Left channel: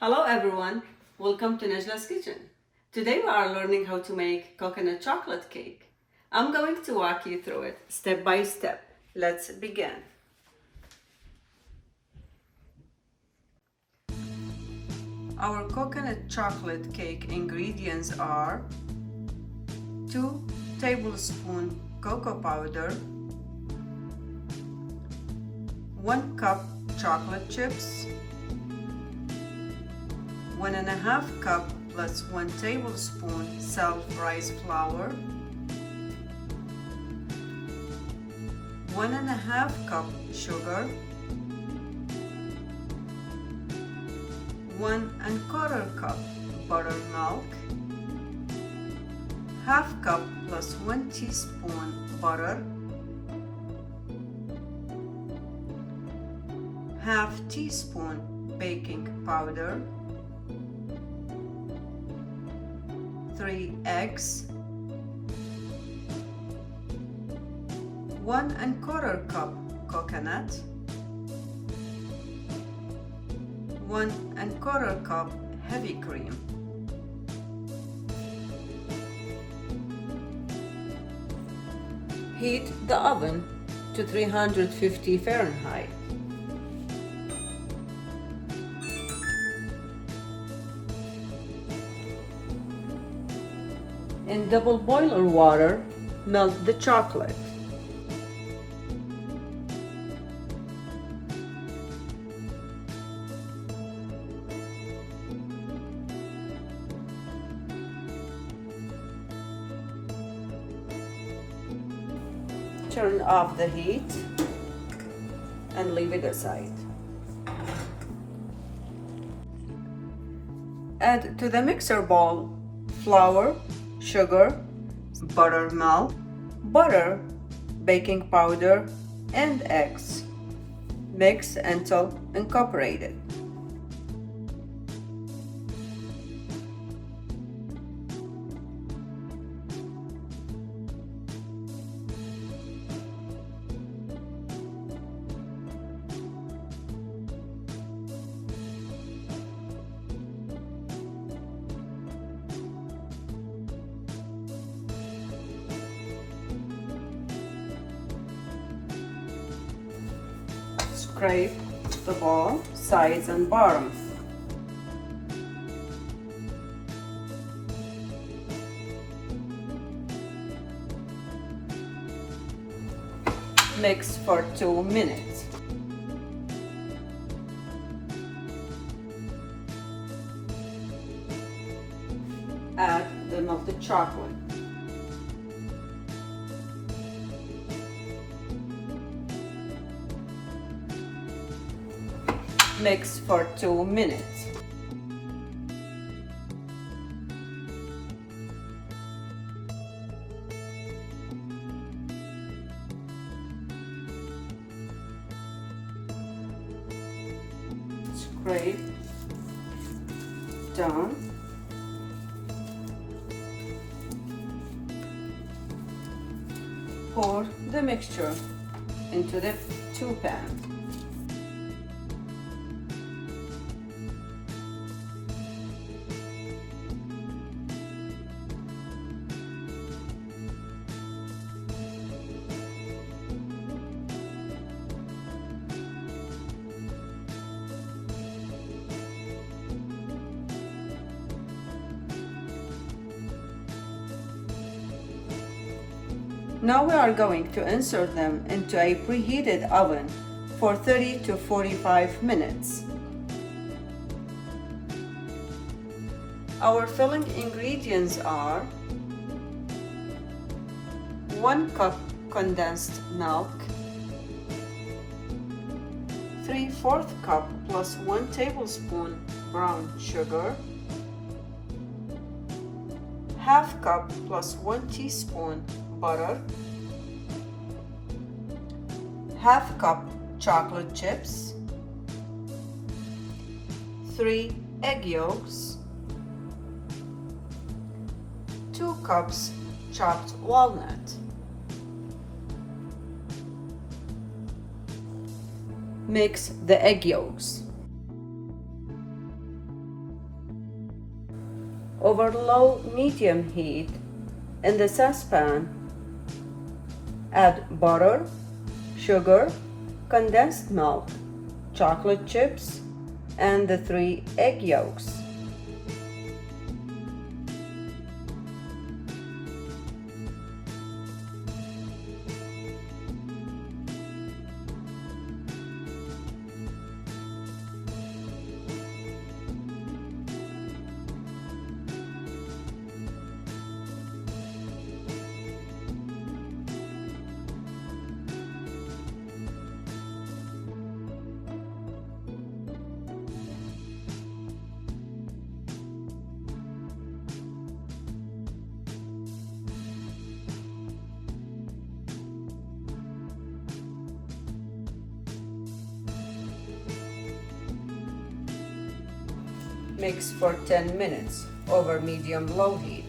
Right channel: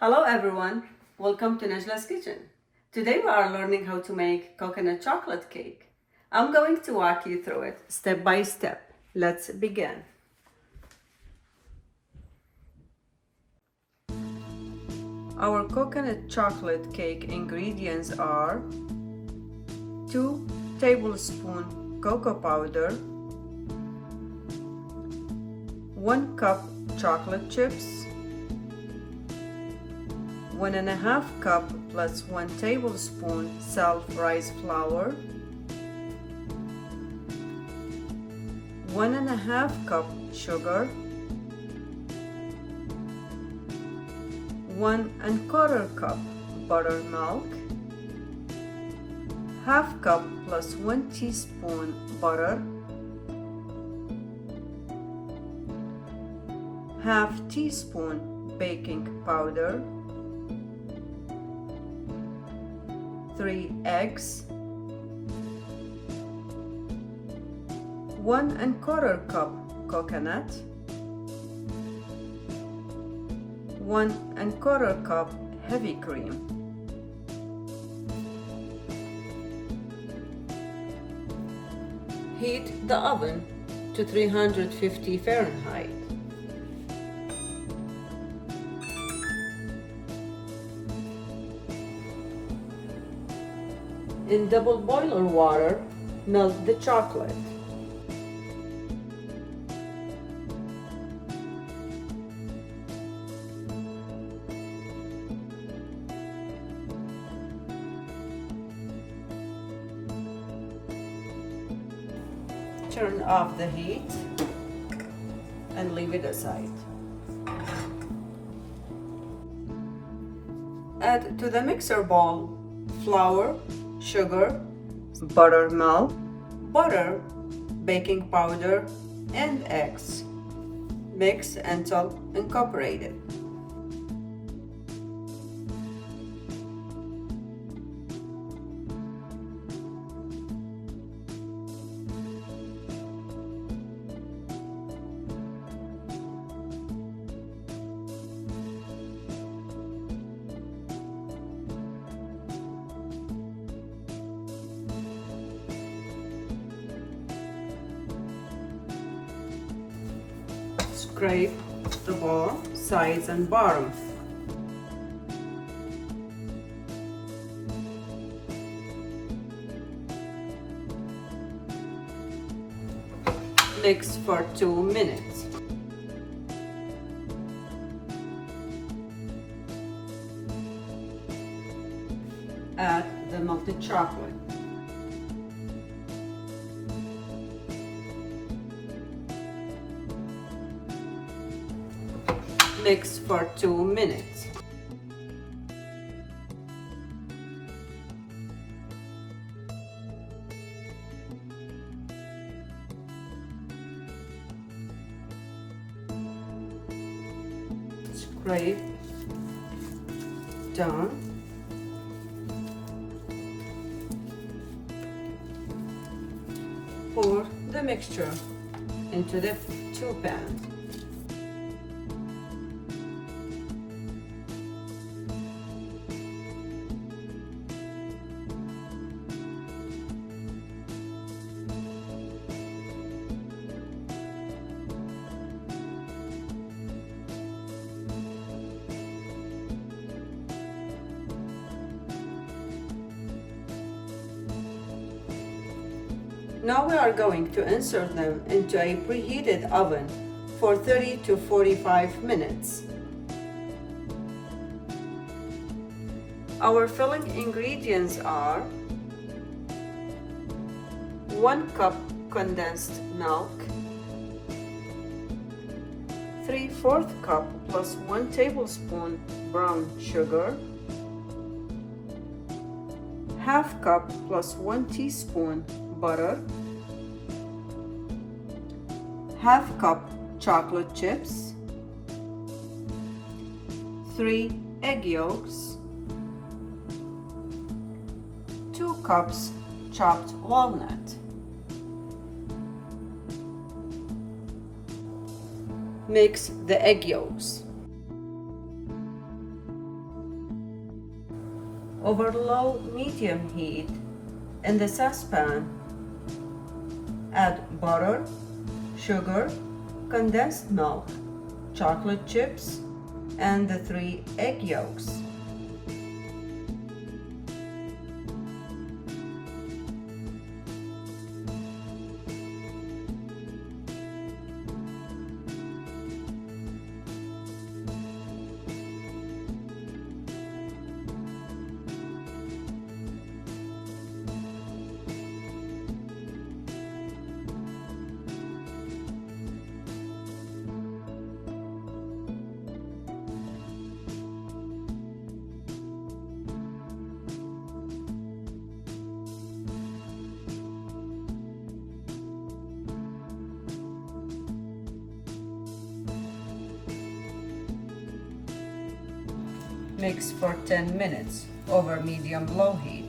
Hello everyone, welcome to Najla's Kitchen. Today we are learning how to make coconut chocolate cake. I'm going to walk you through it step by step. Let's begin. Our coconut chocolate cake ingredients are 2 tablespoons cocoa powder, 1 cup chocolate chips, 1.5 cup plus 1 tablespoon self-raised flour, 1.5 cup sugar, 1¼ cup buttermilk, ½ cup plus 1 teaspoon butter, ½ teaspoon baking powder, 3 eggs, 1¼ cup coconut, 1¼ cup heavy cream. Heat the oven to 350 Fahrenheit. In double boiler water, melt the chocolate. Turn off the heat and leave it aside. Add to the mixer bowl flour, sugar, buttermilk, butter, baking powder, and eggs. Mix until incorporated. Scrape the bowl, sides and bottom. Mix for 2 minutes. Add the melted chocolate. Mix for 2 minutes. Scrape down. Pour the mixture into the 2 pan. Now we are going to insert them into a preheated oven for 30 to 45 minutes. Our filling ingredients are 1 cup condensed milk, 3/4 cup plus 1 tablespoon brown sugar, ½ cup plus 1 teaspoon butter, ½ cup chocolate chips, 3 egg yolks, 2 cups chopped walnut. Mix the egg yolks. over low-medium heat in the saucepan. Add butter, sugar, condensed milk, chocolate chips, and the 3 egg yolks. Mix for 10 minutes over medium-low heat.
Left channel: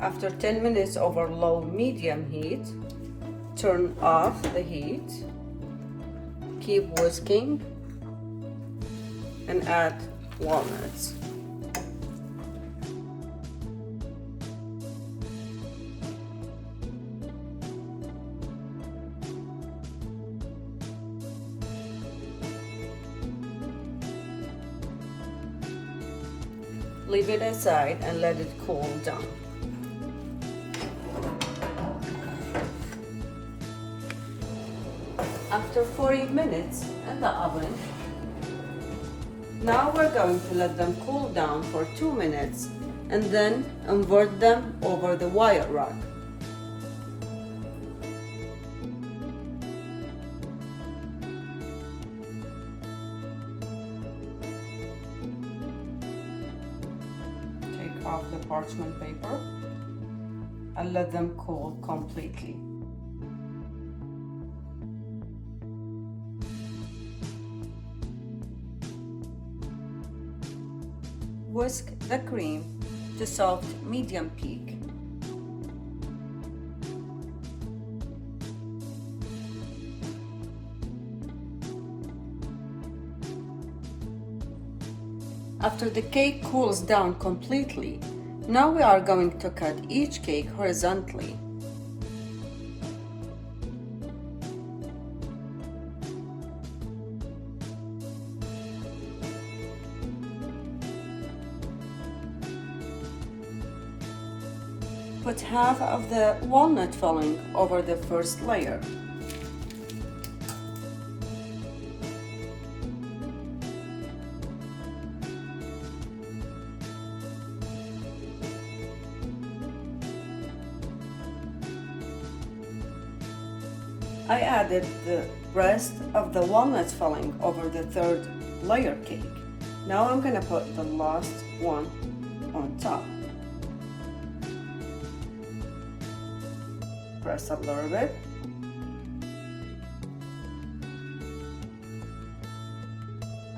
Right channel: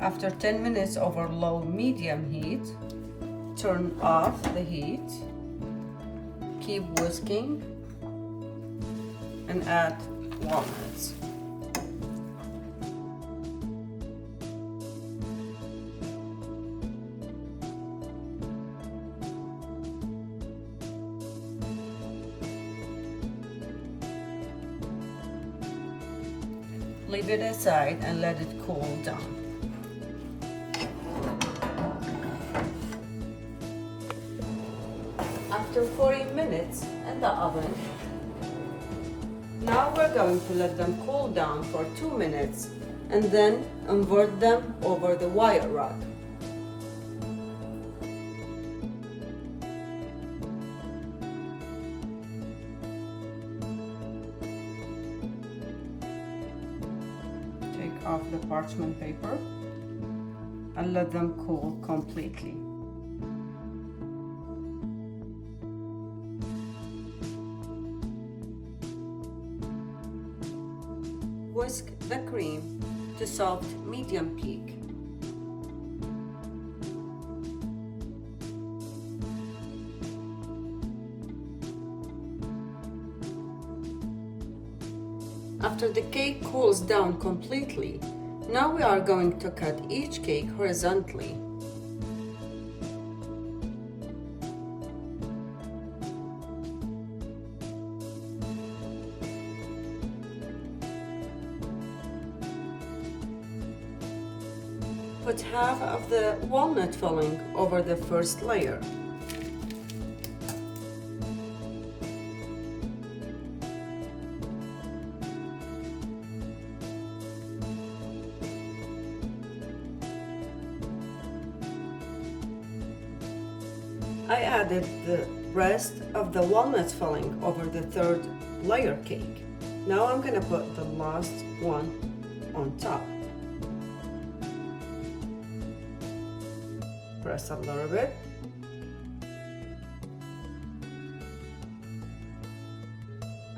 After 10 minutes over low-medium heat, turn off the heat, keep whisking, and add walnuts. Leave it aside and let it cool down. After 40 minutes in the oven, now we're going to let them cool down for 2 minutes and then invert them over the wire rack. Take off the parchment paper and let them cool completely. Whisk the cream to soft medium peak. After the cake cools down completely, now we are going to cut each cake horizontally. Put half of the walnut filling over the first layer. I added the rest of the walnut filling over the third layer cake. Now I'm going to put the last one on top. Press a little bit.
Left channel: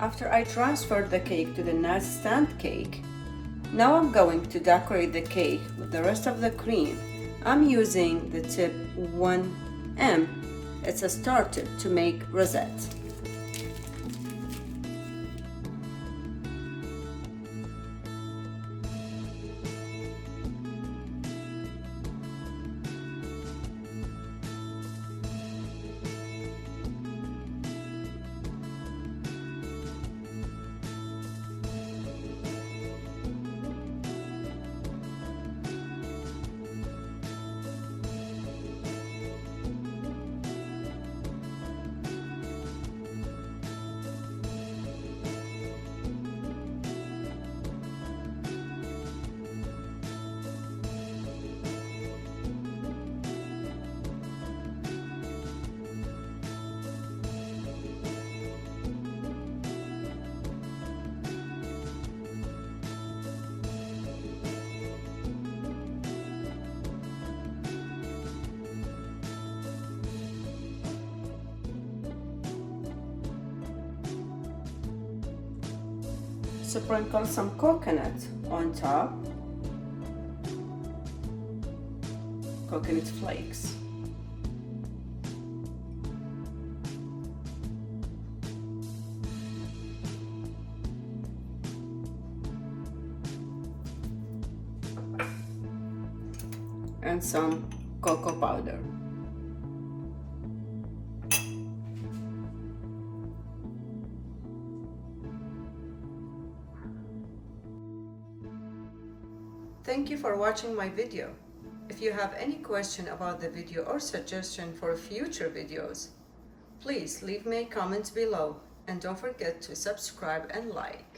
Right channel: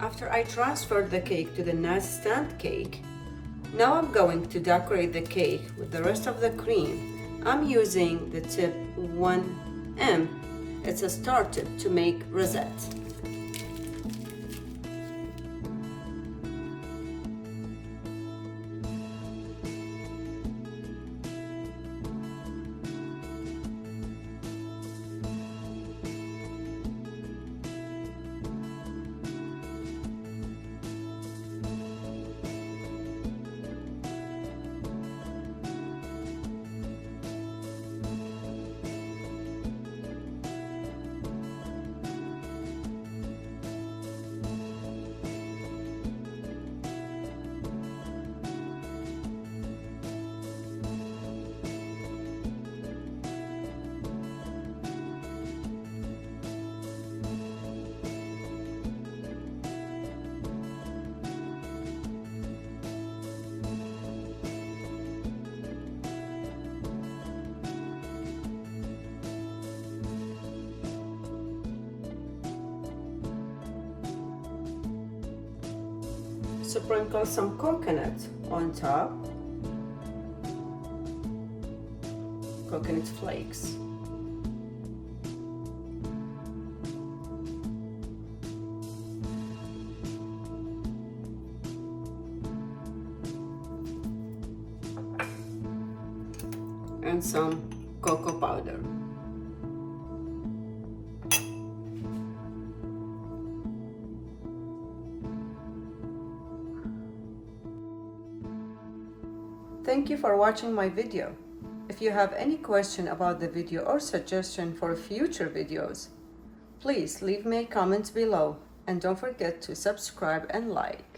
After I transferred the cake to the nightstand cake, now I'm going to decorate the cake with the rest of the cream. I'm using the tip 1M. It's a star tip to make rosette. Sprinkle some coconut on top. Coconut flakes. And some cocoa powder. Thank you for watching my video. If you have any question about the video or suggestion for future videos, please leave me a comment below and don't forget to subscribe and like.